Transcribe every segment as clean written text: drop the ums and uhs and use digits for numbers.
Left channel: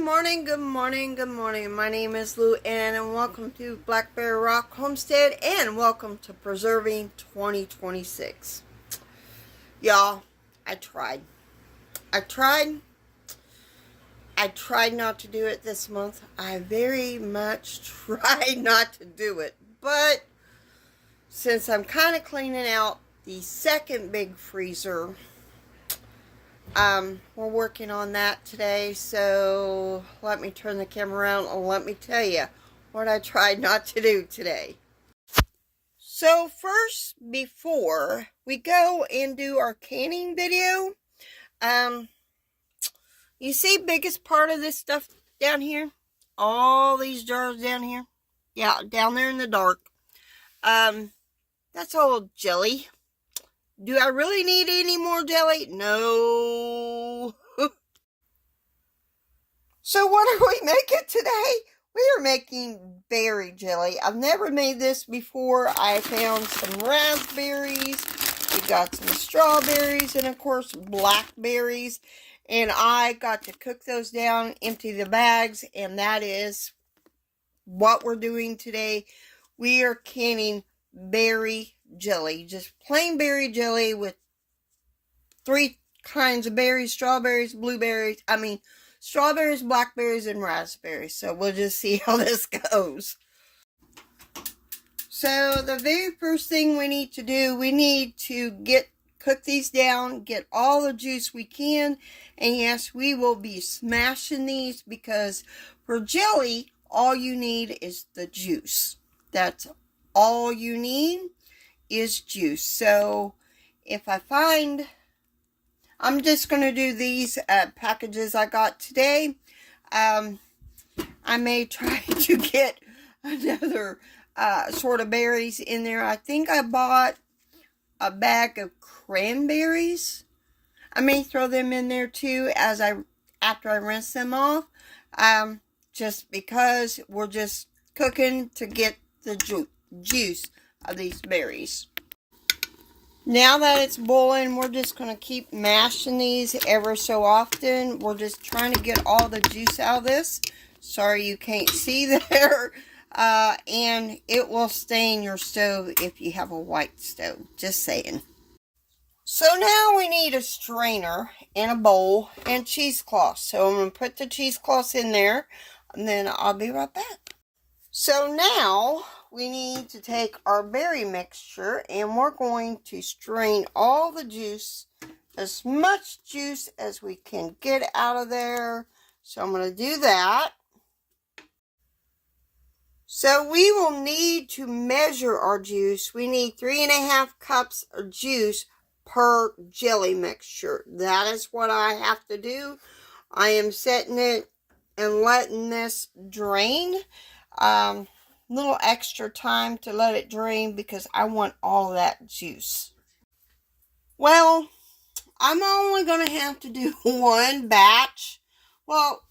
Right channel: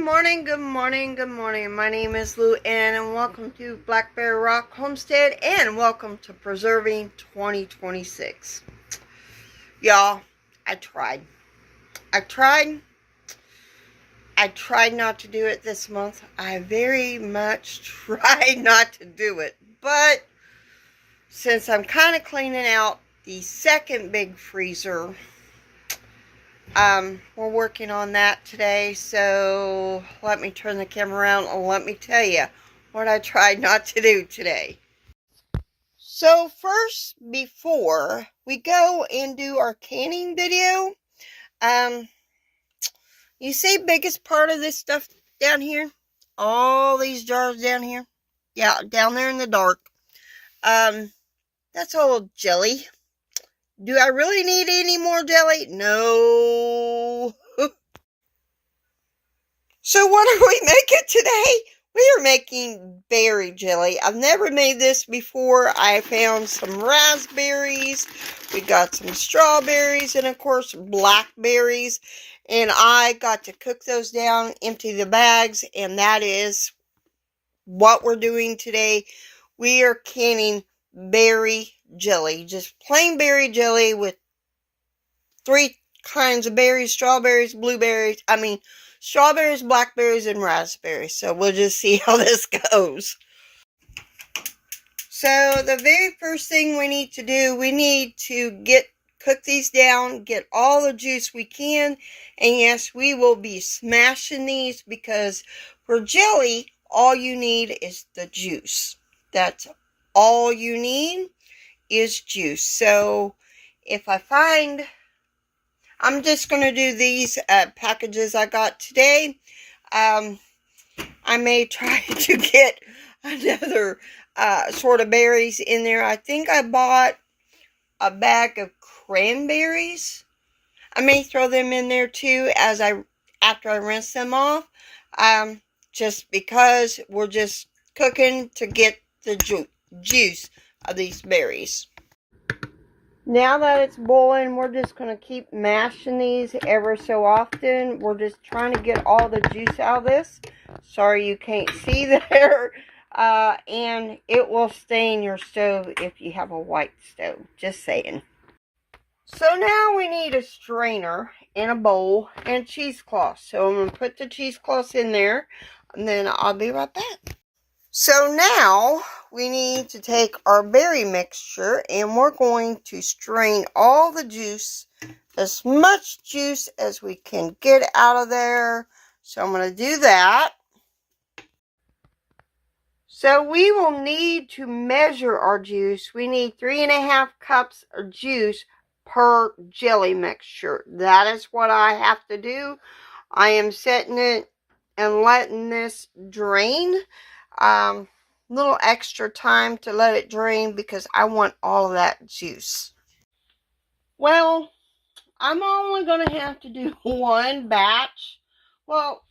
morning, good morning, good morning. My name is Lou Ann and welcome to Blackberryrock Homestead and welcome to Preserving 2026. Y'all, I tried not to do it this month. I very much tried not to do it. But since I'm kind of cleaning out the second big freezer, we're working on that today, so let me turn the camera around and let me tell you what I tried not to do today. So first, before we go and do our canning video, you see biggest part of this stuff down here? All these jars down here? Yeah, down there in the dark. That's all jelly. Do I really need any more jelly? No. So what are we making today? We are making berry jelly. I've never made this before. I found some raspberries. We got some strawberries and of course blackberries. And I got to cook those down, empty the bags, and that is what we're doing today. We are canning berry jelly. Just plain berry jelly with 3 kinds of berries: strawberries, strawberries, blackberries, and raspberries. So we'll just see how this goes. So the very first thing we need to do, we need to cook these down, get all the juice we can. And yes, we will be smashing these because for jelly, all you need is the juice. That's all you need is juice. So if I find, I'm just going to do these packages I got today. I may try to get another sort of berries in there. I think I bought a bag of cranberries. I may throw them in there too after I rinse them off. Just because we're just cooking to get the juice of these berries. Now that it's boiling, we're just going to keep mashing these ever so often. We're just trying to get all the juice out of this. Sorry you can't see there. And it will stain your stove if you have a white stove. Just saying. So now we need a strainer and a bowl and cheesecloth. So I'm going to put the cheesecloth in there and then I'll be right back. So now we need to take our berry mixture and we're going to strain all the juice, as much juice as we can get out of there. So I'm going to do that. So we will need to measure our juice. We need 3.5 cups of juice per jelly mixture. That is what I have to do. I am setting it and letting this drain. Little extra time to let it drain because I want all of that juice. Well, I'm only going to have to do one batch. Well,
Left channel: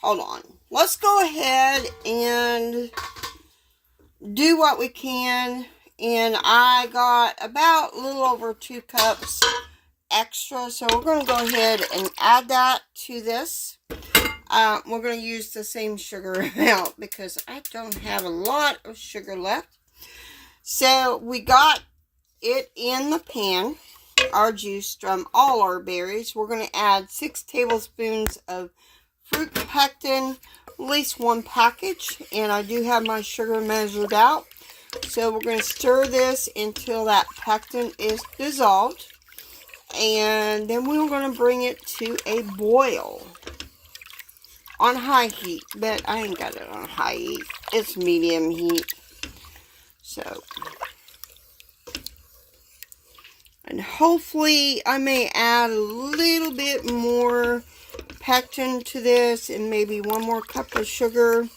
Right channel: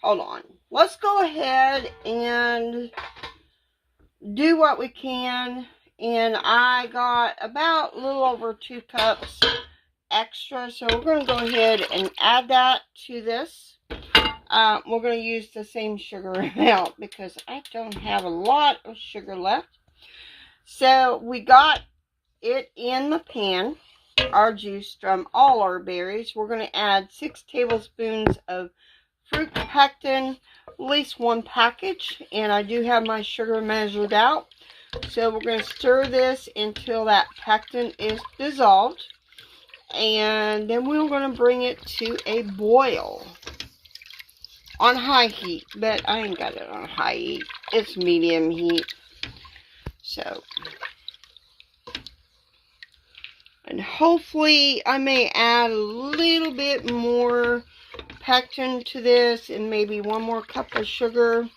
hold on. Let's go ahead and do what we can. And I got about a little over 2 cups extra. So we're going to go ahead and add that to this. We're going to use the same sugar amount because I don't have a lot of sugar left. So we got it in the pan, our juice from all our berries. We're going to add 6 tablespoons of fruit pectin, at least 1 package. And I do have my sugar measured out. So we're going to stir this until that pectin is dissolved. And then we're going to bring it to a boil on high heat. But I ain't got it on high heat. It's medium heat. So, and hopefully I may add a little bit more pectin to this and maybe 1 more cup of sugar.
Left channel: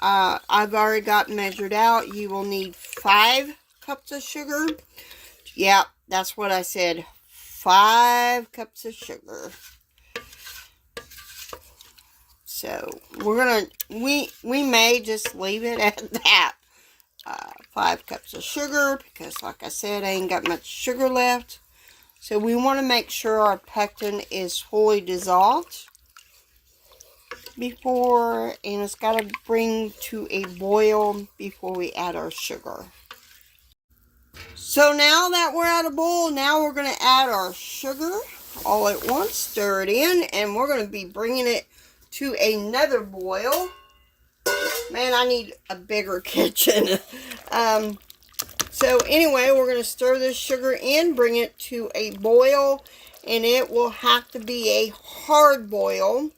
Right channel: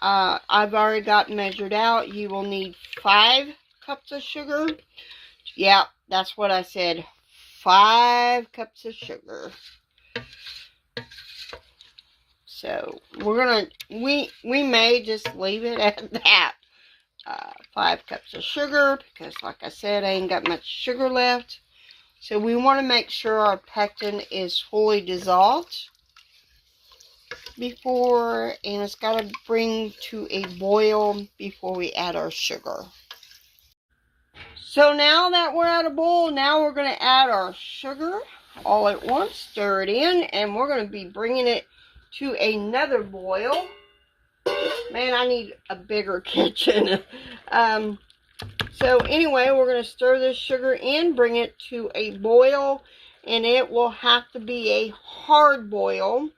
I've already got measured out. You will need 5 cups of sugar. Yeah, that's what I said. 5 cups of sugar. So we may just leave it at that. 5 cups of sugar because, like I said, I ain't got much sugar left. So we want to make sure our pectin is fully dissolved before, and it's got to bring to a boil before we add our sugar. So now that we're at a boil, now we're going to add our sugar all at once, stir it in, and we're going to be bringing it to another boil. Man, I need a bigger kitchen. So anyway, we're going to stir this sugar in, bring it to a boil, and it will have to be a hard boil.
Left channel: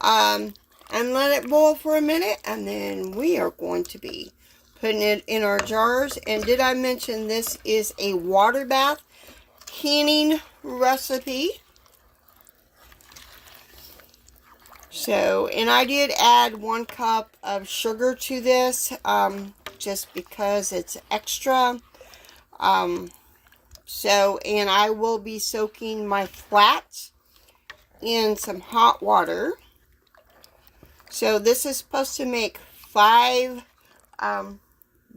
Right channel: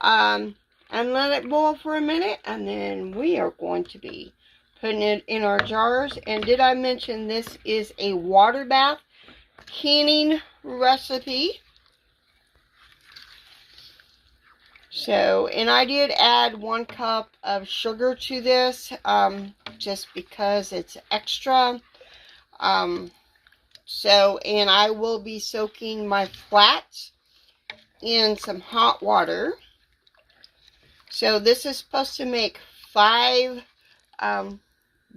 And let it boil for a minute, and then we are going to be putting it in our jars. And did I mention this is a water bath canning recipe? So, and I did add 1 cup of sugar to this, just because it's extra. So, and I will be soaking my flats in some hot water. So this is supposed to make 5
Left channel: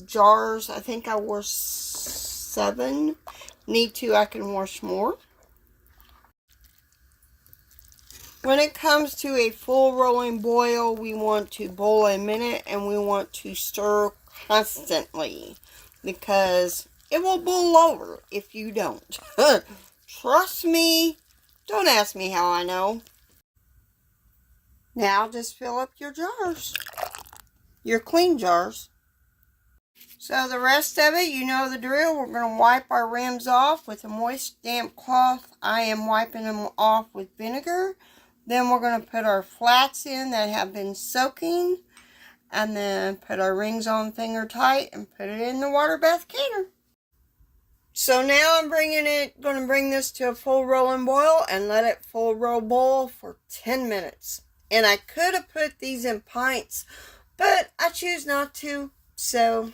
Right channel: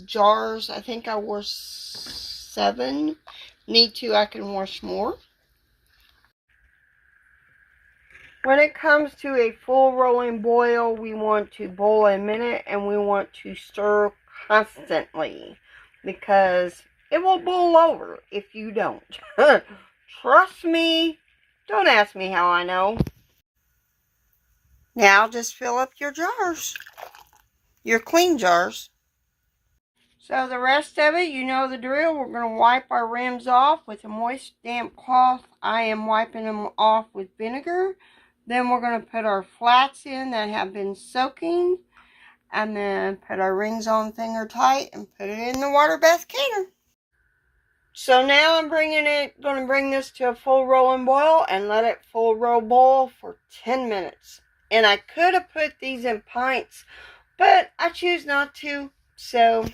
jars. I think I washed 7. Need to, I can wash more. When it comes to a full rolling boil, we want to boil a minute, and we want to stir constantly because it will boil over if you don't. Trust me. Don't ask me how I know. Now just fill up your jars, your clean jars. So the rest of it, you know the drill. We're going to wipe our rims off with a moist, damp cloth. I am wiping them off with vinegar. Then we're going to put our flats in that have been soaking, and then put our rings on finger tight and put it in the water bath canner. So now I'm going to bring this to a full rolling boil and let it full roll boil for 10 minutes. And I could have put these in pints, but I choose not to. So